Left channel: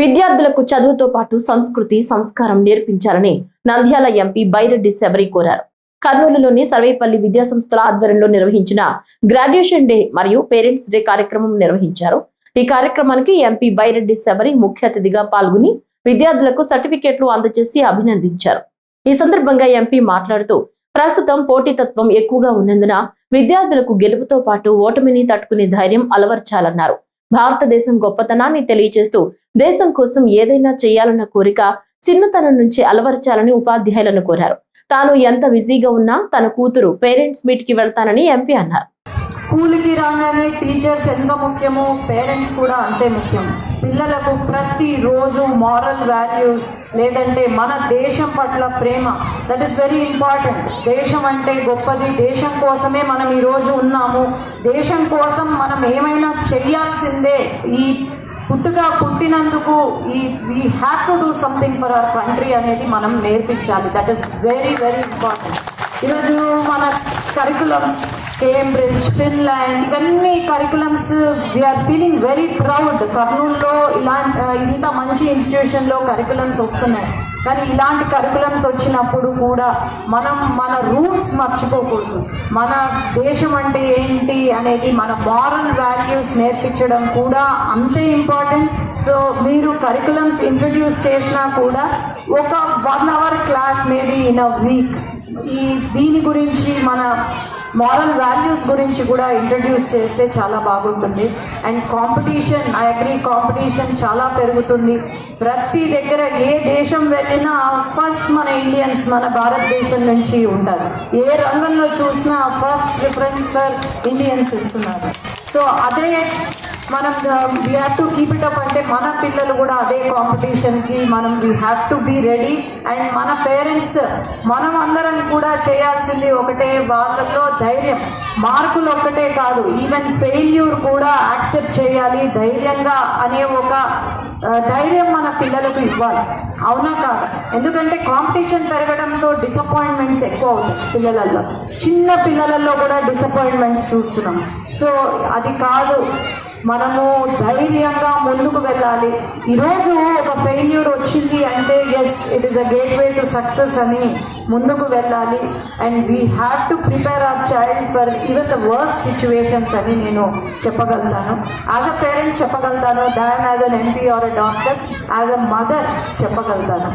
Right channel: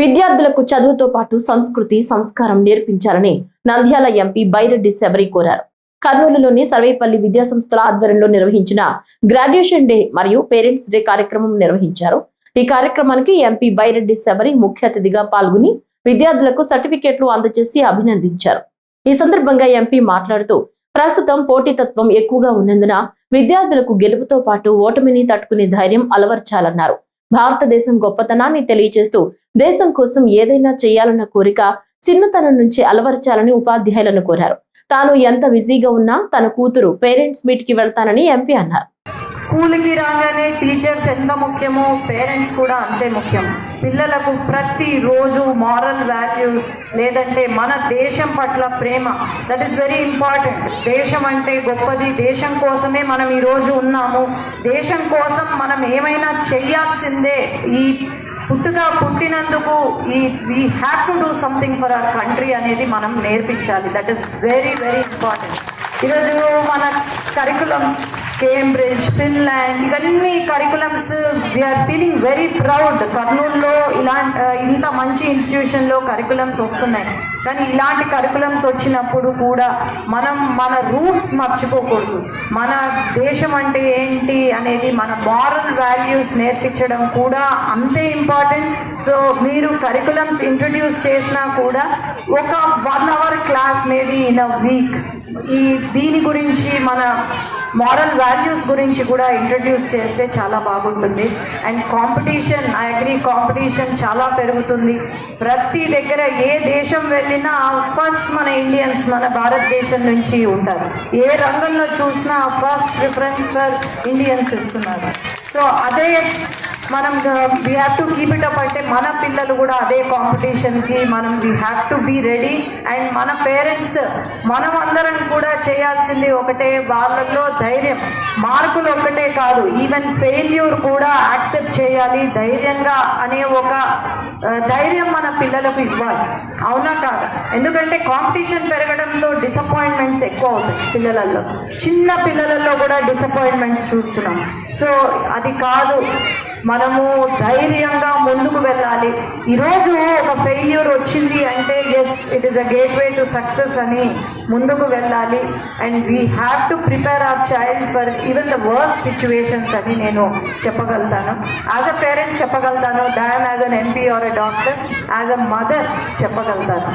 విద్యార్థులకు చదువుతో పాటు సంస్కృతి సంస్కారం నేర్పించాలని నంద్యాల ఎంపీ బైరెడ్డి శబరి కోరారు. కర్నూలులోని సర్వేపల్లి విద్యాసంస్థల ఆధ్వర్యంలో నిర్వహించిన గ్రాడ్యుయేషన్ డే మరియు పేరెంట్స్ డే కార్యక్రమం నిర్వహించారు. ఈ కార్యక్రమానికి ఎంపీ బైరెడ్డి శబరి ముఖ్య అతిథిగా పాల్గొని విద్యార్థులకు సర్టిఫికెట్లు అందజేసి అభినందించారు. ఈ సందర్భంగా ఎంపీ మాట్లాడుతూ ప్రస్తుతం పోటీతత్వం ఎక్కువగా ఉన్నందున విద్యార్థులకు గెలుపుతో పాటు ఓటమిని తట్టుకునే ధైర్యం అలవర్చాలన్నారు. భారతదేశం గొప్పతనాన్ని తెలియజేస్తూ దేశం కోసం ఏదైనా చేయాలన్న కోరిక చిన్నతనం నుంచి అలవర్చాలని ఉపాధ్యాయులను కోరారు. తాను ఎంత బిజీగా ఉన్నా తన కూతురు పేరెంట్స్ మీట్ కి వెళ్తానని ఎంపీ అన్నారు. స్కూల్కి రాగానే టీచర్స్ ఎంత ముఖ్యమో పేరెంట్స్ కూడా అంతే ముఖ్యం. పిల్లలకు ప్రతిరోజు మారల్ వాల్యూస్ లేదంటే మన దేశం పట్ల ప్రేమ, దట్ ఈస్ వెరీ ఇంపార్టెంట్. దేశం అంటే గొప్పది, దేశం కోసమే మనం ఈరోజు ఉన్నాము, దేశం కోసం మనం ఏమైనా చెయ్యాల్సిందే. ఈ పుట్టినందుకు we have to do something for our country అనేది మనం నేర్పించాలి. That is very very important. ఈరోజు మన కరికులమ్స్ కేంబ్రిడ్జ్, ఫిన్లాండ్, ఇవన్నీ curriculums we are feeling very proud. కర్నూలులో ఇంత మంచి ఇన్స్టిట్యూషన్లో కరికులమ్స్ వస్తున్నాయి. కానీ ఇలాంటి కరికులమ్స్ వచ్చినప్పుడు కూడా మనం మన రూట్స్ మర్చిపోకూడదు. మన దేశం అంటే ఏంటి అనేది, మన మారల్ వాల్యూస్ నేర్పించడం కూడా అంతే ఇంపార్టెంట్. సో మీరు కరికులమ్స్ ఇంట్రడ్యూస్ చేసినా కూడా ఒక 1 hour class maybe in a week దీని గురించి, మన మారల్ వాల్యూస్ గురించి కూడా ఇంట్రడ్యూస్ చేస్తే చాలా బాగుంటుంది. And competition, I agree, competition చాలా పెరుగుతుంది. ప్రతి దగ్గర ఏ దేశం వెళ్ళినా ఫస్ట్ మన ఇండియన్స్, మన భారతదేశం నుంచి ఉంటారు. ఏ రంగంలో చూసినా ఫస్ట్ ప్రిఫరెన్స్ ఫర్ ఇండియన్స్ ఇస్తున్నారు. సో అదే మనం we have to keep it up. అంటే మన పిల్లలు కూడా అదే కాంపిటీషన్కి we have to be ready. And మన పేరెంట్స్, మనం అందరం కూడా చేయాల్సింది ఒకటే, వాళ్ళల్లో ధైర్యం. మార్కులు ఒక్కటే కాదు, ఈవెన్ ఫెయిల్యూర్ కూడా యాక్సెప్ట్ చేయాలి ధైర్యంగా అనే ఒక ధైర్యం మన పిల్లలకు ఇవ్వాలి. అవునా కాదా? ఎందుకంటే కాంపిటీషన్ పెరగడంతో డిసప్పాయింట్మెంట్స్ ఎక్కువ అవుతాయి పిల్లలలో. చిన్న పిల్లలలో కూడా డిసప్పాయింట్మెంట్స్ చూస్తున్నాం. సో అది కాదు, మనము ధైర్యంగా ముందుకు వెళ్ళాలి. ఈరోజు ఒక ఫెయిల్యూర్ వచ్చింది అంటే yes, it is a gateway to success అని ముందుకు వెళ్ళాలి. And we have to prepare our child for even the worst situations అని నేను చెప్పగలుగుతాను. యాజ్ అ పేరెంట్ చెప్పగలుగుతాను, than as an MP or a doctor, as a mother చెప్పగలుగుతాను.